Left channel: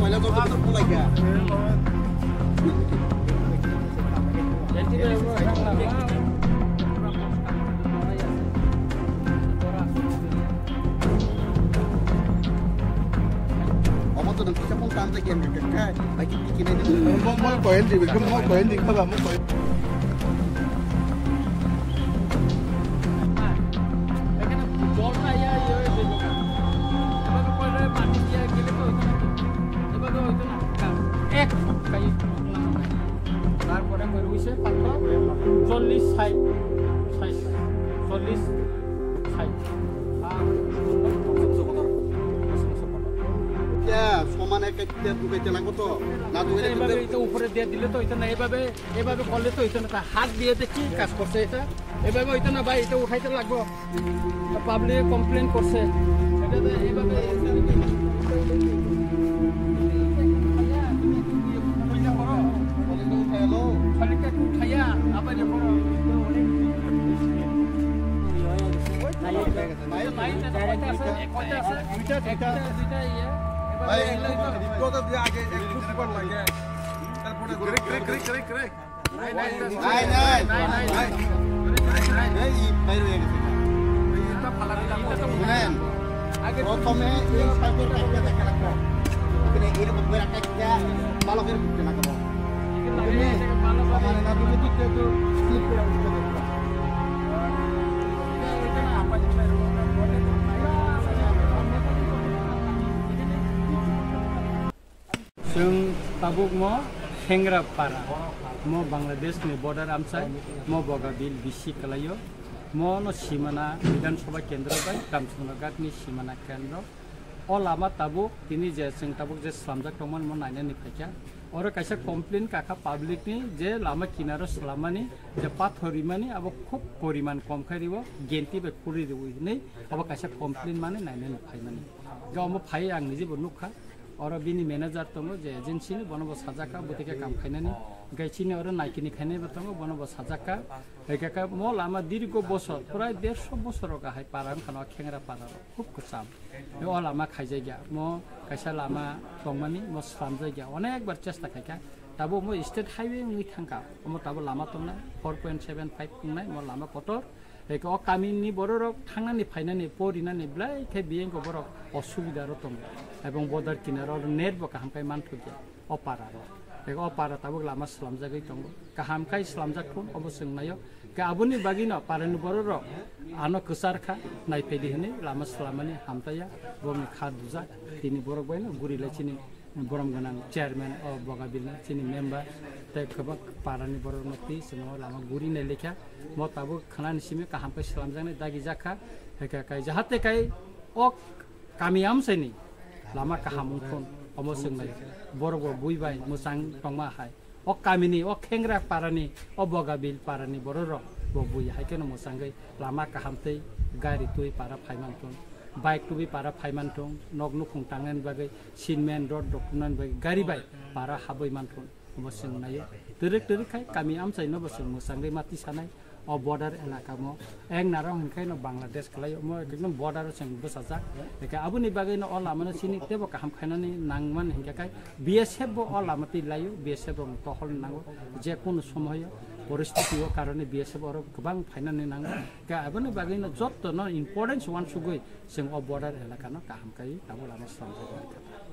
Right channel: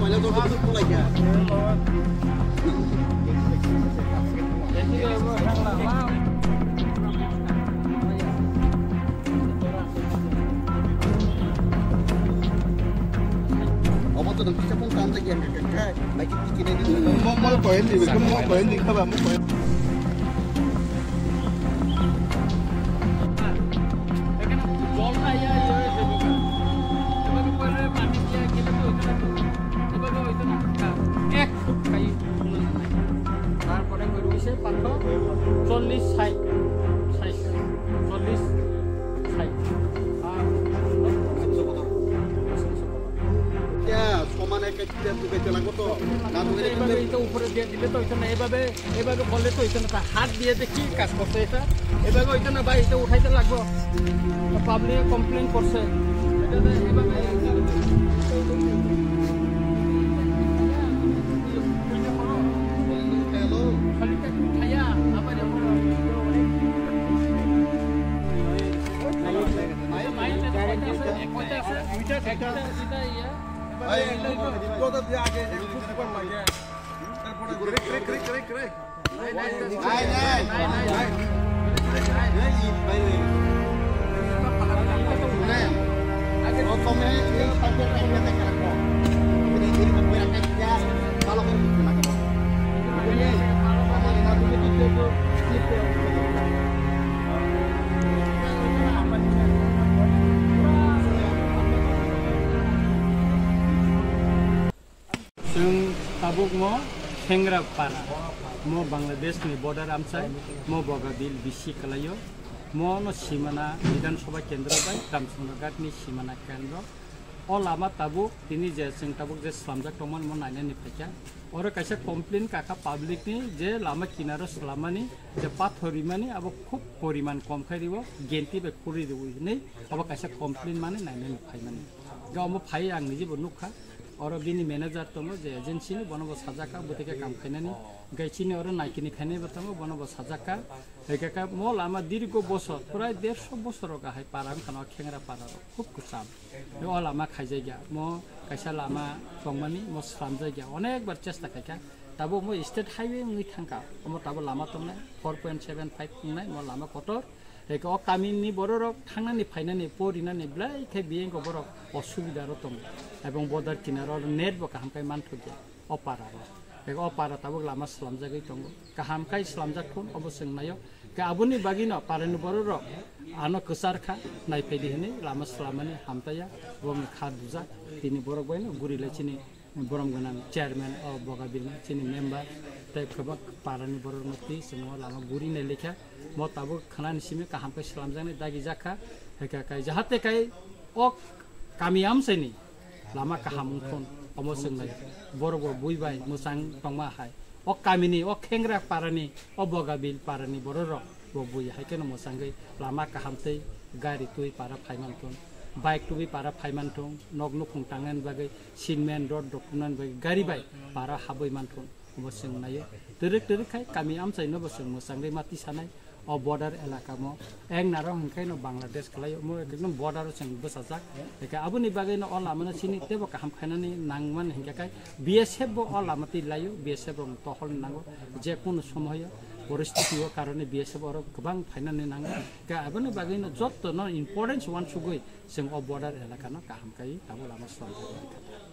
Tôi đang muốn tan tay game được cái mấy cái này đi mới quen thì cũng mới quen thì các bạn mới quen তারপরে রয়েছে পাথর 40 size 40 size সমান এক দুগাইতে লাগবো তো না তুমি এটা উপরে দিয়ে দিলে তো এটা না এভাবে করলে তো এটা না হাত দিয়ে দেখি কাজ করছে এটা এভাবে ওইটা না ভাই এটা উঠাইতে লাগবো পাবলিক কমপ্লেন করছে এটা এইভাবে जों tabuk mo Hengrapara mo Bangladesh ni border amsai mo Bogabil bisi kalayo mo no simana Bidhan Sabha Kendra bai Ramsungnagat ni simana kendra o lama tabuk tini je जों tabuk je slamjak tongman mo naina ni phaikya oro kaisa complain kaka public ni je lama kinaro slamani je pathori mani abo khub poriman kom khaidibo genti be kuri dibo ni abo kaisa complain mane naina ni phaimani gaomo phai ang ni jibo nukha और बिनी manager तंगो जे agency नि बनबो साजाका बुतिके काम खाइनानि गाइचिनि और नाइकिनि खाइने बतंगो बनबो साजाका हेकाका म लामा दीर्घ बছর प्राय 150 বছর गाहाय पारां खाना खेंग्रा पारार खूब कुसाम ओ लामा खाइजाय गया म कायसा लामा तंगमानि म स्लाम जायगा अनेक बार चेष्टा खायका ताबो म स्टेट हाईवे नि थांका म ताबो लामा तंगना 4.75 तंगनाय म लामा कटर हेका ओ कामिनि बररक थांनानि फाइनानि परिनानि ब्लाय खे बिएंगो बरक असुबिदा र तंगो এবং বর্ডার কিনারর নেট বা কাহামকাই মানথুকে অপারার এক অপারা তাবক লামা সালামজাগৈ দङ কাহামকাই সালামজাগখন অবসংনায় কা আবুনি বাগিনো পারেন বরর আনো কসারখা নাইফাইদি হনে লামা সালামানি হামতায়া বমি খা দুজা তিনি বরক বাইনো গুরিলাইচিনি বরম গনান চেয়ারম্যান অ বগাবিলনি চিনি মেম্বার তাই খবক পারানি বরর নতি সঙ্গ লামা গুরি নাই লেখা ম তাবক খানানি সিমে কাহামকাই সালামজাগनै দাগি জাখা হেকা কাই जाहाते কাই অ কামিয়াম Saini lama kahamungthon omosongnai borok buibai musang tongma hai o kamini o khengra parani o bogabil parani bororok bo bui haikeno musangai lama kahamtei gari tui para phaimanthon bike tubi para phaimanthon nognu khungtangan bagai sinmen road dokunan bagai gari bai para haboi manthon omosongnayo terek khai kami amsai no bosong musangai mati sanai o border elaka mo eng narong hingkai no Bangladesh kalayo mo ekdom border seng besajak eka abuni bagai no ola mana sini tebo kaham khainani nangman hingkai BSF bo ola mati layo BSF rong tohol nango je kono সময় পরিস্থিতি ও কারণে BSF or गोबां फाइनानि nango ka abuni bagai no jotto no importance one sugoi seng o border elaka no kaham kai tabo lama salamjak kata